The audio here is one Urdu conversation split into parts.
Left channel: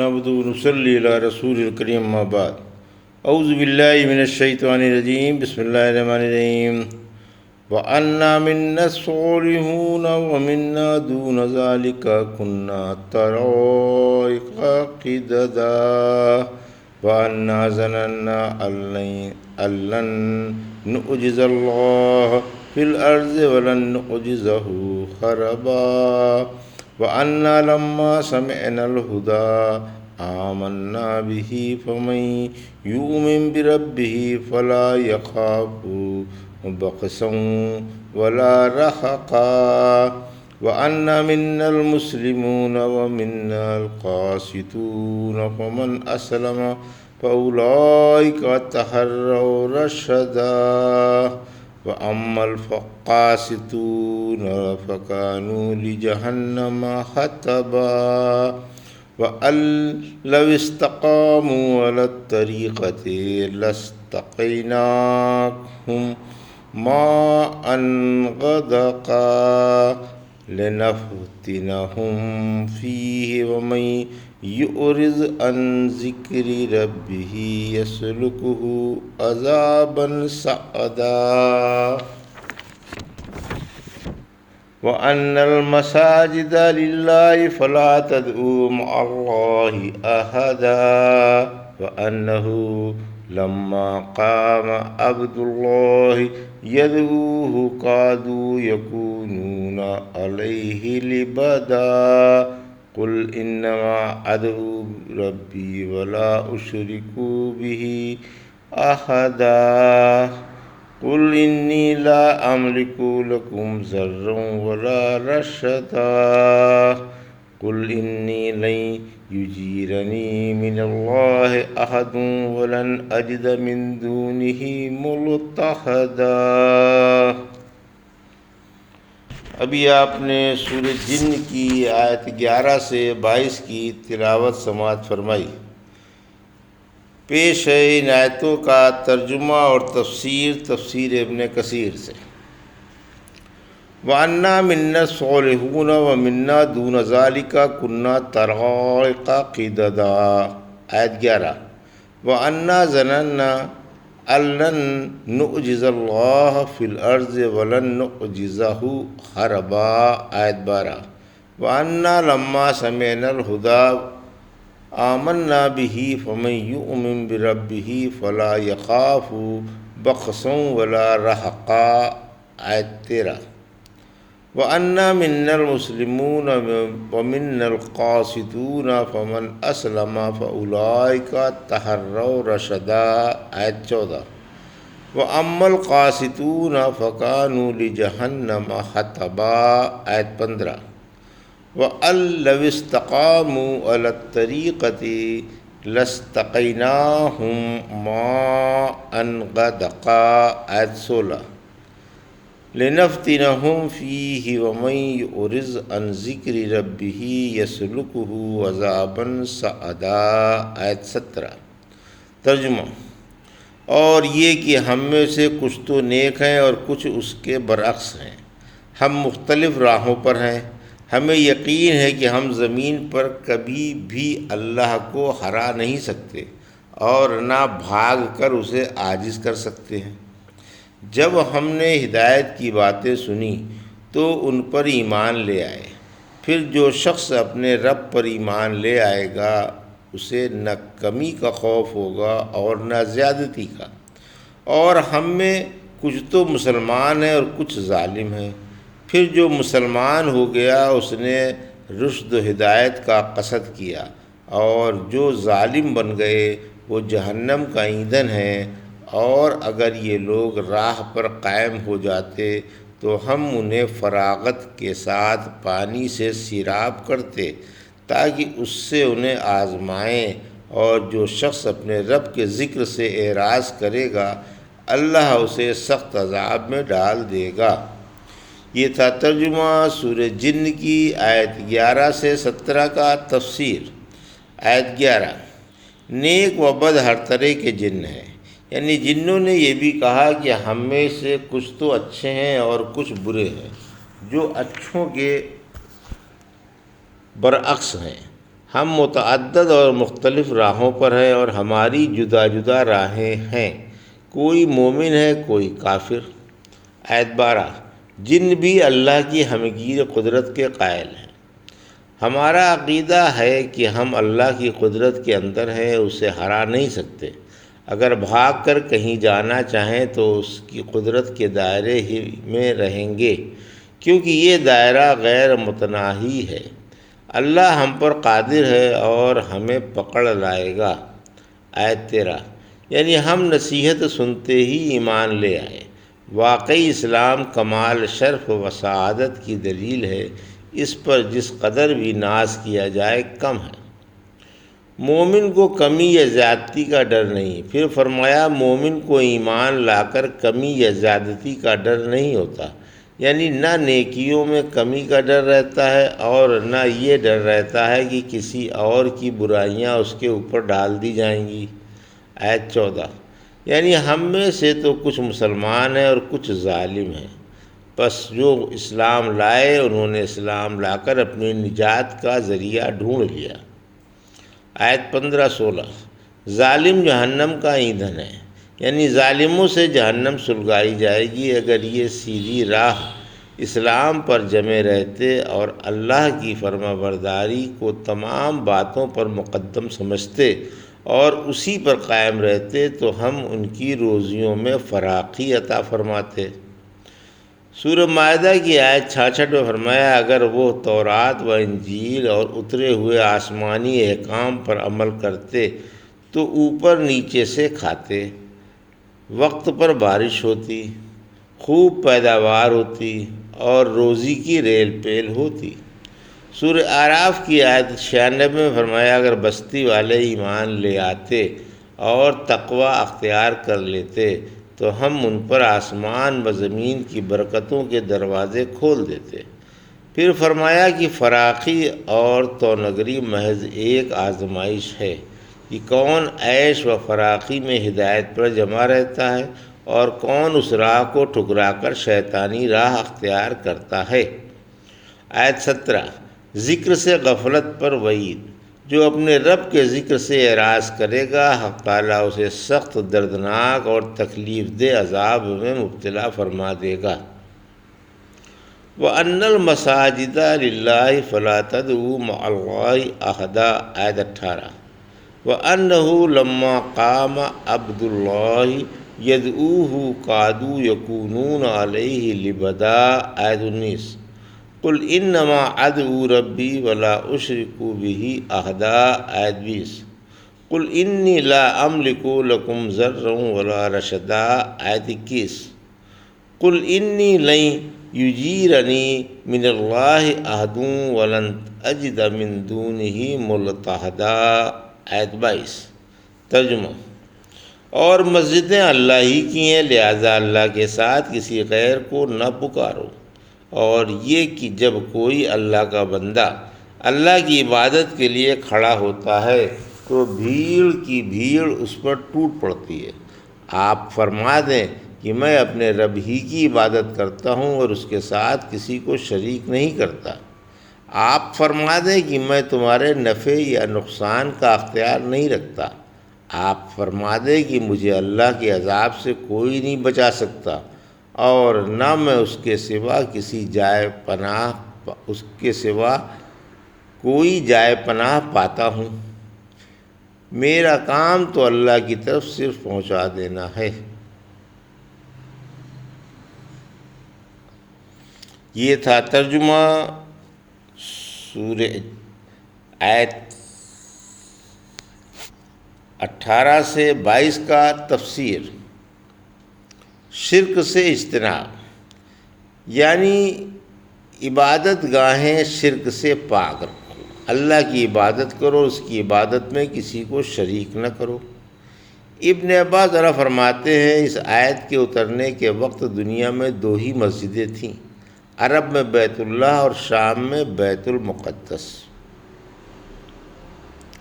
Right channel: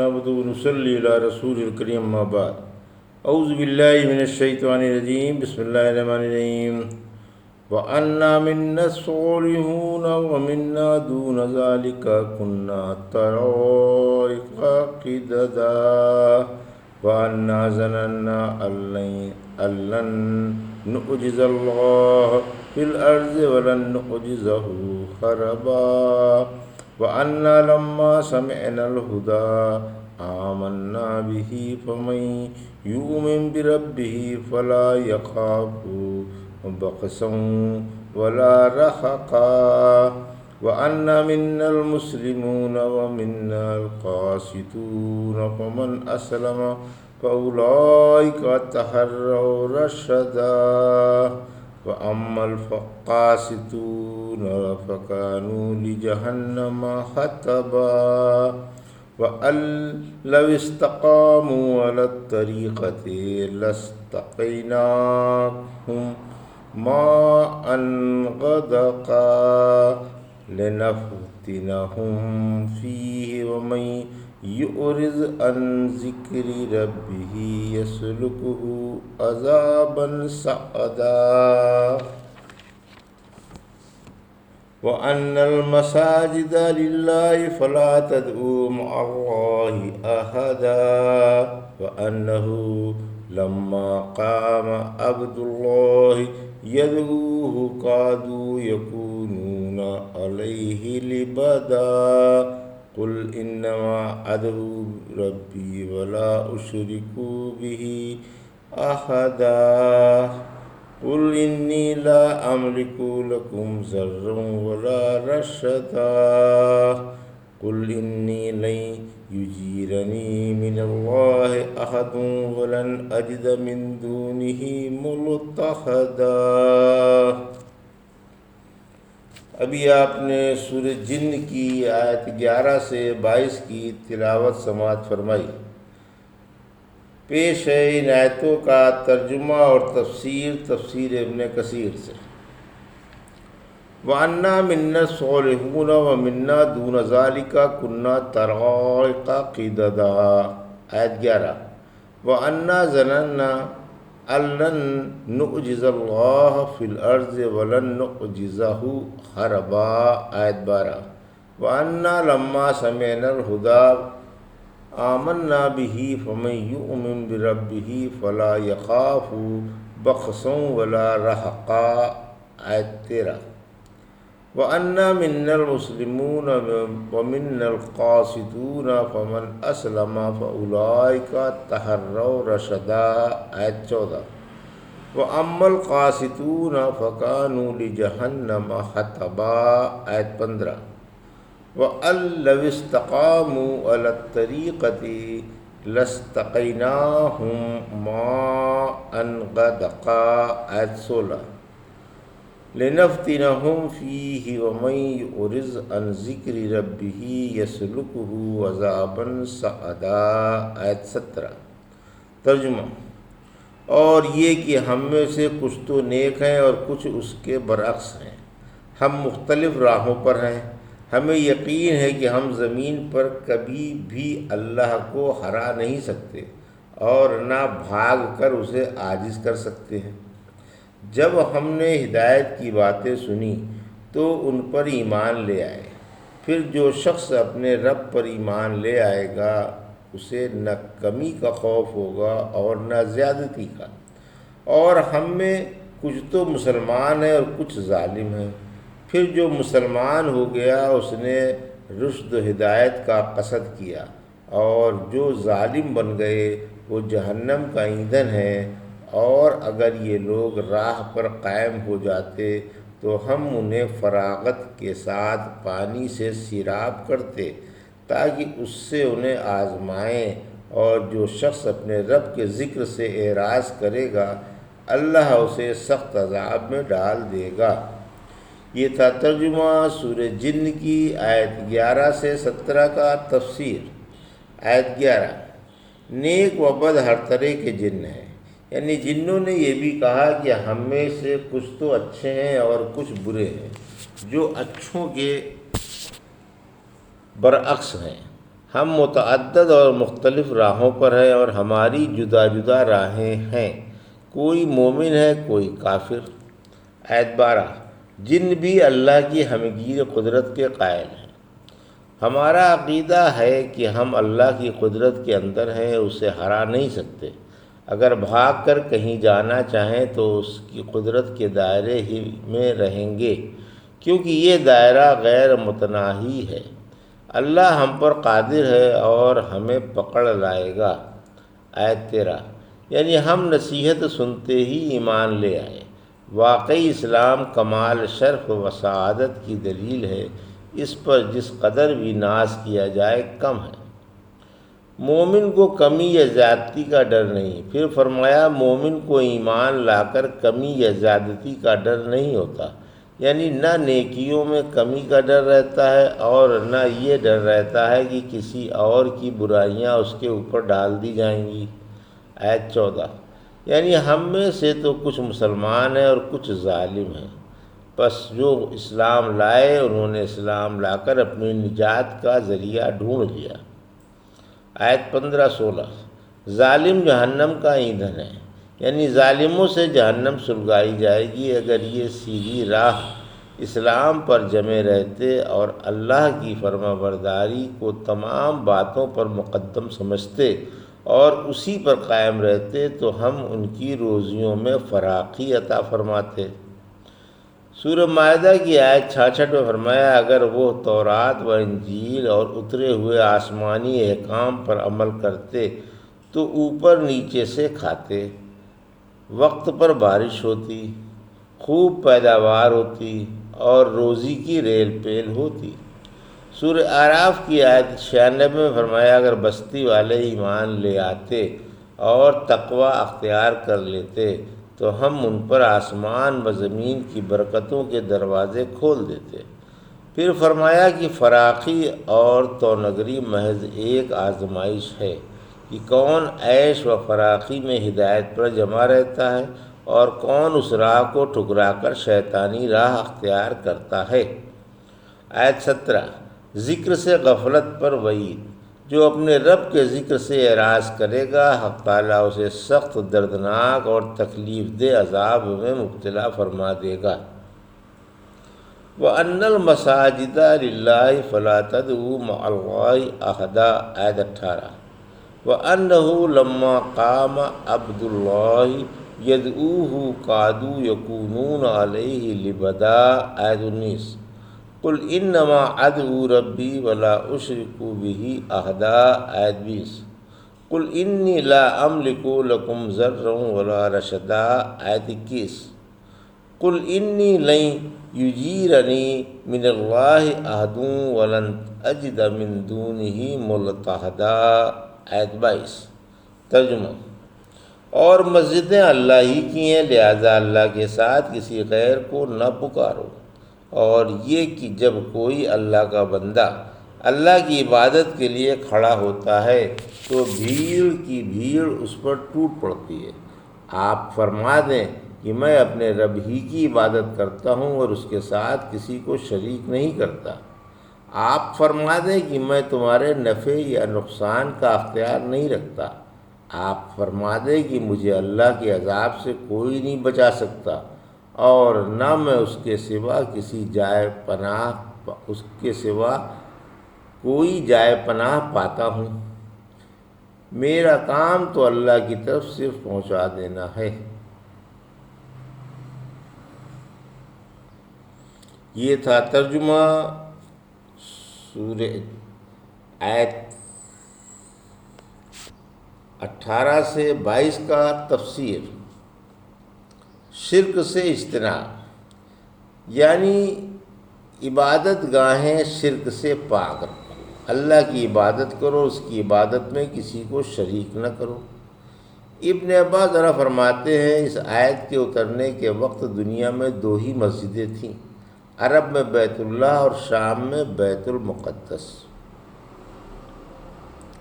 نحمده ونصلي على رسول الكريم ما بعد اعوذ باللہ من الشیطان الرجیم بسم اللہ الرحمن الرحیم وَأَنَّا مِنَّا الصَّالِحُونَ وَمِنَّا دُونَ ذَلِكَ كُنَّا طَرَائِقَ قِدَدًا وَأَنَّا ظَنَنَّا أَن لَّن نُّعْجِزَ اللَّهَ فِي الْأَرْضِ وَلَن نُّعْجِزَهُ هَرَبًا وَأَنَّا لَمَّا سَمِعْنَا الْهُدَىٰ آمَنَّا بِهِ فَمَن يُؤْمِن بِرَبِّهِ فَلَا يَخَافُ بَخْسًا وَلَا رَهَقًا وَأَنَّا مِنَّا الْمُسْلِمُونَ وَمِنَّا الْقَاسِطُونَ فَمَنْ أَسْلَمَ فَأُولَٰئِكَ تَحَرَّوْا رَشَدًا وَأَمَّا الْقَاسِطُونَ فَكَانُوا لِجَهَنَّمَ حَطَبًا وَأَن لَّوِ اسْتَقَامُوا عَلَى الطَّرِيقَةِ لَاسْتَقَيْنَاهُم مَّاءً غَدَقًا لِّنَفْتِنَهُمْ فِيهِ وَمَن يُعْرِضْ عَن ذِكْرِ رَبِّهِ يَسْلُكْهُ عَذَابًا صَعَدًا وَأَنَّ الْمَسَاجِدَ لِلَّهِ فَلَا تَدْعُوا مَعَ اللَّهِ أَحَدًا وَأَنَّهُ لَمَّا قَامَ عَبْدُ اللَّهِ يَدْعُوهُ كَادُوا يَكُونُونَ عَلَيْهِ لِبَدًا قُلْ إِنَّمَا أَدْعُو رَبِّي وَلَا أُشْرِكُ بِهِ أَحَدًا قُلْ إِنِّي لَا أَمْلِكُ لَكُمْ ضَرًّا وَلَا رَشَدًا قُلْ إِنِّي لَن يُجِيرَنِي مِنَ اللَّهِ أَحَدٌ وَلَنْ أَجِدَ مِن دُونِهِ مُلْتَحَدًا۔ ابھی آپ نے سورہ جن کی آیت 11 سے 22 کی تلاوت سماعت فرمائی۔ پیش ہے ان آیتوں کا ترجمہ اور تفسیر ابن کثیر سے۔ وَأَنَّا مِنَّا الصَّالِحُونَ وَمِنَّا دُونَ ذَلِكَ كُنَّا طَرَائِقَ قِدَدًا۔ آیت 11 وَأَنَّا ظَنَنَّا أَن لَّن نُّعْجِزَ اللَّهَ فِي الْأَرْضِ وَلَن نُّعْجِزَهُ هَرَبًا۔ آیت 12 وَأَنَّا لَمَّا سَمِعْنَا الْهُدَىٰ آمَنَّا بِهِ فَمَن يُؤْمِن بِرَبِّهِ فَلَا يَخَافُ بَخْسًا وَلَا رَهَقًا۔ آیت 13 وَأَنَّا مِنَّا الْمُسْلِمُونَ وَمِنَّا الْقَاسِطُونَ فَمَنْ أَسْلَمَ فَأُولَٰئِكَ تَحَرَّوْا رَشَدًا۔ آیت 14 وَأَمَّا الْقَاسِطُونَ فَكَانُوا لِجَهَنَّمَ حَطَبًا۔ آیت 15 وَأَن لَّوِ اسْتَقَامُوا عَلَى الطَّرِيقَةِ لَاسْتَقَيْنَاهُم مَّاءً غَدَقًا۔ آیت 16 لِنَفْتِنَهُمْ فِيهِ وَمَن يُعْرِضْ عَن ذِكْرِ رَبِّهِ يَسْلُكْهُ عَذَابًا صَعَدًا۔ آیت 17 ترجمہ۔ اور یہ کہ ہم میں سے کچھ تو نیک ہیں اور کچھ اس کے برعکس ہیں، ہم مختلف راہوں پر ہیں، ہمیں یقین ہے کہ ہم زمین پر کبھی بھی اللہ کو ہرا نہیں سکتے اور نہ بھاگ کر اسے عاجز کر سکتے ہیں۔ جب ہم نے ہدایت کی باتیں سنی تو ان پر ایمان لے آئے، پھر جو شخص اپنے رب پر ایمان لے آئے گا اسے نہ کمی کا خوف ہوگا اور نہ زیادتی کا، اور ہم میں کچھ تو مسلمان ہیں اور کچھ ظالم ہیں۔ پھر جو مسلمان ہو گیا اس نے رشد و ہدایت کا قصد کیا، اور جو ظالم بن گئے وہ جہنم کا ایندھن ہے۔ اور اگر یہ لوگ راہ پر قائم ہو جاتے تو ہم انہیں فراغت کے ساتھ پانی سے سیراب کرتے تاکہ اس سے انہیں آزمائیں، اور جو شخص اپنے رب کے ذکر سے اعراض کرے گا اللہ اسے سخت عذاب میں ڈال دے گا۔ یہ تھا ترجمہ سورہ جن کی آیت 11 سے 17 کا تفسیر۔ آیت 11 نیک و بد ہر طرح کے جن ہیں، یعنی جنوں نے یہ بھی کہا کہ ہم میں سے کچھ تو اچھے ہیں اور کچھ برے ہیں، جو اچھوں کے برعکس ہیں۔ ہم متعدد اور مختلف راہوں پر ہیں اور ہماری جدا جدا راہیں ہیں، کوئی مومن ہے کوئی کافر۔ آیت 12، جن بھی اللہ کی ہمگیر قدرت کے قائل ہیں۔ ہمارا عقیدہ ہے کہ ہم اللہ کی قدرت کے اندر ہیں، اسے ہرا نہیں سکتے۔ اگر بھاگ کر کہیں جانا چاہیں تو اس کی قدرت کے دائرے ہی میں رہیں گے، کیونکہ یہ دائرہ غیر متناہی ہے۔ اللہ ہم پر قادر ہے اور ہمیں پکڑ لائے گا۔ آیت 13، یعنی ہم نصیحت سنتے ہی ایمان لے آئے۔ واقعی اسلام کمال شرف و سعادت کی دلیل ہے، اس پر جس قدر بھی ناز کیا جائے کم ہے۔ مومن کو کمی یا زیادتی کا ڈر نہیں۔ پھر فرمایا مومن کو ایمان لا کر کمی یا زیادتی کا ڈر نہیں ہوتا، یعنی نہ نیکیوں میں کمی کا ڈر رہتا ہے اور نہ یہ ڈر رہتا ہے کہ کسی اور کی برائیاں اس کے اوپر ڈال دی جائیں گی۔ آیت 14، یعنی ہم میں سے تو کچھ مسلمان ہیں اور کچھ ظالم ہیں، پس جو اسلام لائے انہوں نے اسلام لا کر اپنی نجات کا ذریعہ ڈھونڈ لیا۔ آیت 15-16، ظالم جہنم کا ایندھن ہے، یعنی ظالموں سے جہنم سلگائی جائے گی۔ اگر یہ سیدھی راہ اسلام پر جمے رہتے اور اللہ کی فرما برداری کو تمام باتوں پر مقدم سمجھتے اور اسی پر قائم رہتے تو ہم ان کی روزیوں میں فراخی عطا فرماتے۔ سورہ مائدہ کی آیت 66 میں فرمایا اگر وہ تورات و انجیل اور اترے ہوئے آسمانی احکام پر عمل کرتے تو اوپر نیچے سے کھاتے، وقت پر بارش ہوتی، خوب پیداوار ہوتی اور روزی کی ریل پیل ہوتی۔ سورہ اعراف کی آیت 96 میں فرمایا اگر بستی والے ایمان لے آتے اور تقوی اختیار کر لیتے تو ہم ان پر آسمان و زمین کی برکتوں کے دروازے کھول دیتے۔ پھر فرمایا کہ فراخی اور تونگری محض ایک آزمائش ہے کہ کون عیش و فراخی میں ہدایت پر جمع رہتا ہے اور کون اس راہ کو ٹھکرا کر شیطانی راہ اختیار کرتا ہے۔ آیت 17، ذکر سے غفلت پر وعید، جو اپنے رب کے ذکر سے اعراض کرے گا حق تعالیٰ اسے سخت دردناک اور تکلیف دہ عذاب میں مبتلا فرما دے گا۔ وَأَنَّ الْمَسَاجِدَ لِلَّهِ فَلَا تَدْعُوا مَعَ اللَّهِ أَحَدًا، آیت 18، وَأَنَّهُ لَمَّا قَامَ عَبْدُ اللَّهِ يَدْعُوهُ كَادُوا يَكُونُونَ عَلَيْهِ لِبَدًا، آیت 19، قُلْ إِنَّمَا أَدْعُو رَبِّي وَلَا أُشْرِكُ بِهِ أَحَدًا، آیت 20، قُلْ إِنِّي لَا أَمْلِكُ لَكُمْ ضَرًّا وَلَا رَشَدًا، آیت 21، قُلْ إِنِّي لَن يُجِيرَنِي مِنَ اللَّهِ أَحَدٌ وَلَنْ أَجِدَ مِن دُونِهِ مُلْتَحَدًا، آیت 22۔ ترجمہ، اور مسجدیں اللہ ہی کی ہیں لہٰذا اللہ کے ساتھ کسی غیر کو نہ پکارو، اور یہ کہ جب کوئی اللہ کا بندہ اللہ کی عبادت کے لیے کھڑا ہوتا ہے تو بھیڑ کی بھیڑ اس پر ٹوٹ پڑتی ہے۔ آپ فرما دیں کہ میں اپنے رب ہی کی عبادت کرتا ہوں اور اس کے ساتھ کسی کو شریک نہیں کرتا۔ آپ فرما دیں کہ میں تمہارے نفع یا نقصان کا اختیار نہیں رکھتا۔ آپ فرما دیں کہ مجھے اللہ کے عذاب سے کوئی نہیں بچا سکتا اور نہ میں اس کے سوا کوئی جائے پناہ پاتا ہوں۔ میرا کام تو اللہ کی طرف صرف پہنچا دینا ہے۔ یہ تھا ترجمہ سورہ آیت 18 سے 22 کا تفسیر۔ شرک سے اجتناب، یعنی عبادت گاہیں شرک سے پاک رکھو، اللہ کی عبادت کرو، اس کی عبادت میں کسی کو شریک نہ کرو۔ ابن عباس فرماتے ہیں اس آیت کے اترنے کے وقت دنیا میں 2 ہی مسجدیں تھیں، عرب میں بیت اللہ اور شام میں بیت المقدس۔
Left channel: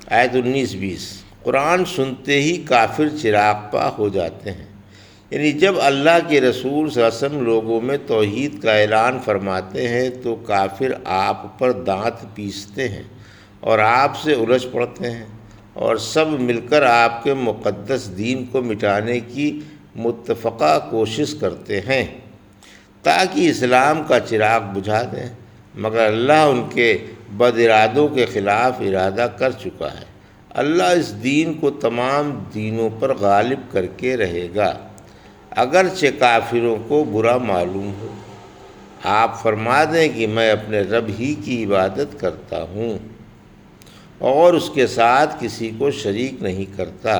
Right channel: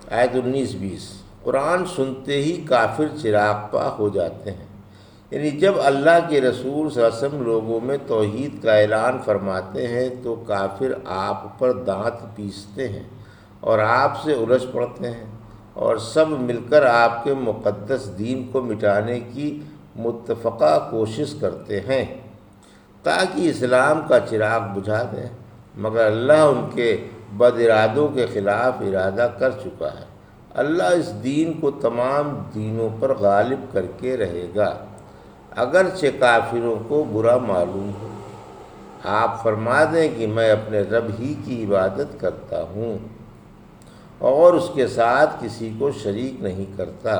آیت 19-20، قرآن سنتے ہی کافر چراغ پا ہو جاتے ہیں، یعنی جب اللہ کے رسول صلی اللہ علیہ وسلم لوگوں میں توحید کا اعلان فرماتے ہیں تو کافر آپ پر دانت پیستے ہیں اور آپ سے الجھ پڑتے ہیں، اور سب مل کر آپ کے مقدس دین کو مٹانے کی متفقہ کوشش کرتے ہیں تاکہ اسلام کا چراغ بجھا دیں، مگر اللہ ان کے بد ارادوں کے خلاف ارادہ کر چکا ہے۔ اللہ اس دین کو تمام دینوں پر غالب کر کے رہے گا، اگرچہ کافروں کو برا معلوم ہو۔ آپ فرما دیں کہ میں اپنے رب ہی کی عبادت کرتا ہوں اور اس کے ساتھ کسی کو شریک نہیں کرتا۔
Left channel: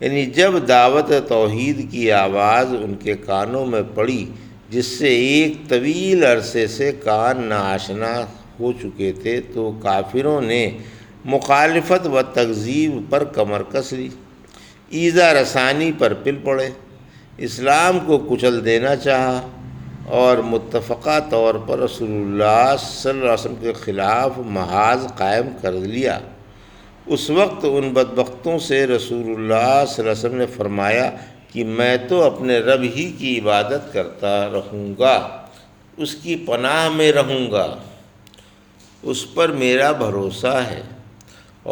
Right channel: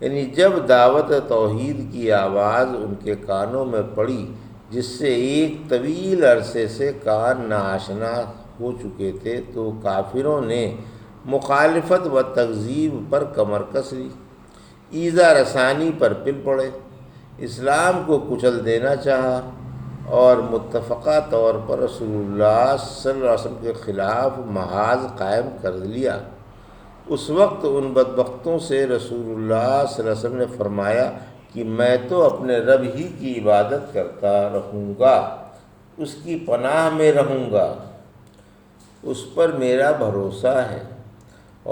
یعنی جب دعوت توحید کی آواز ان کے کانوں میں پڑی، جس سے ایک طویل عرصے سے کان ناآشنا ہو چکے تھے، تو کافروں نے مخالفت و تکذیب پر کمر کس لی، ایذا رسانی پر پل پڑے، اسلام کو کچل دینا چاہا اور متفقہ طور پر رسول اللہ صلی اللہ علیہ وسلم کے خلاف محاذ قائم کر لیا۔ اس وقت ان بدبختوں سے رسول اللہ صلی اللہ علیہ وسلم نے فرمایا کہ میں تو اپنے رب ہی کی عبادت کرتا رہوں گا، اس کی پناہ میں رہوں گا، اس پر میرا بھروسہ ہے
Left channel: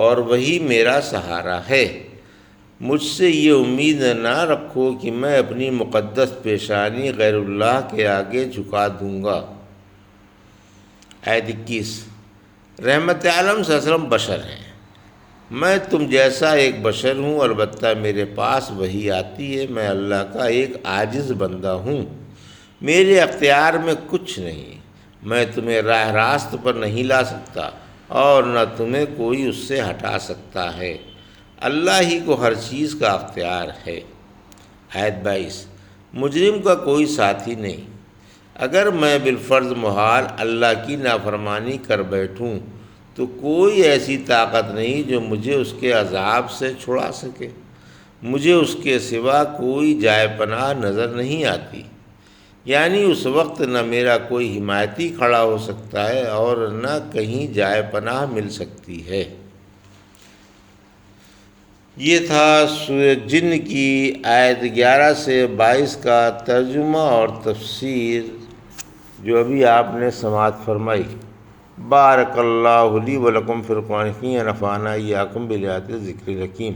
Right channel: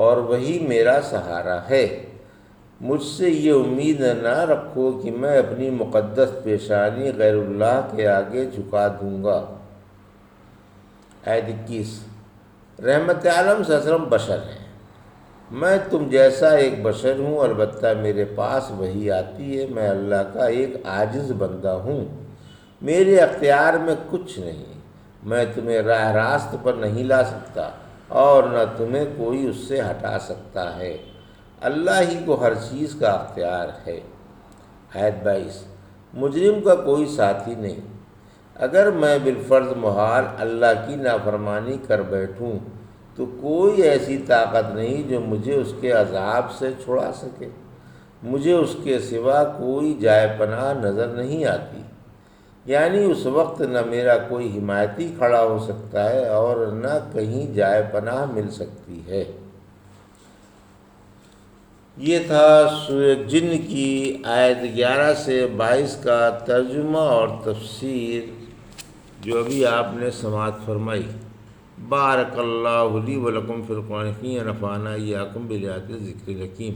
اور وہی میرا سہارا ہے۔ مجھ سے یہ امید نہ رکھو کہ میں اپنی مقدس پیشانی غیر اللہ کے آگے جھکا دوں گا۔ آیت 21۔ رحمت عالم صلی اللہ علیہ وسلم بشر ہیں، میں تم جیسا ایک بشر ہوں، البتہ میرے پاس وحی آتی ہے، میں اللہ کا ایک عاجز بندہ ہوں، میرے اختیار میں کچھ نہیں، میں تمہیں راہ راست پر نہیں لا سکتا اور نہ تمہیں کوئی اس سے ہٹا سکتا ہے، اللہ ہی کو ہر چیز کا اختیار ہے۔ آیت 22۔ مجرم کا کوئی ساتھی نہیں، اگر میں بالفرض محال اللہ کی نافرمانی کر بیٹھوں تو کوئی ایسی طاقت نہیں جو مجھے اس کے عذاب سے چھڑا سکے، مجھے اس کے سوا کوئی جائے پناہ نظر نہیں آتی، یعنی اس وقت نہ میرا کوئی حمایتی کھڑا ہو سکتا ہے اور نہ کہیں جائے پناہ مل سکتی ہے۔ یہ تھا سورہ جن کی آیت 11 سے 22 کا ترجمہ اور تفسیر جو ابھی آپ نے سماعت فرمائی۔ بارک اللہ لی و لکم فی القرآن الحکیم ونفعنا ایاکم بالآیات الذکر الحکیم۔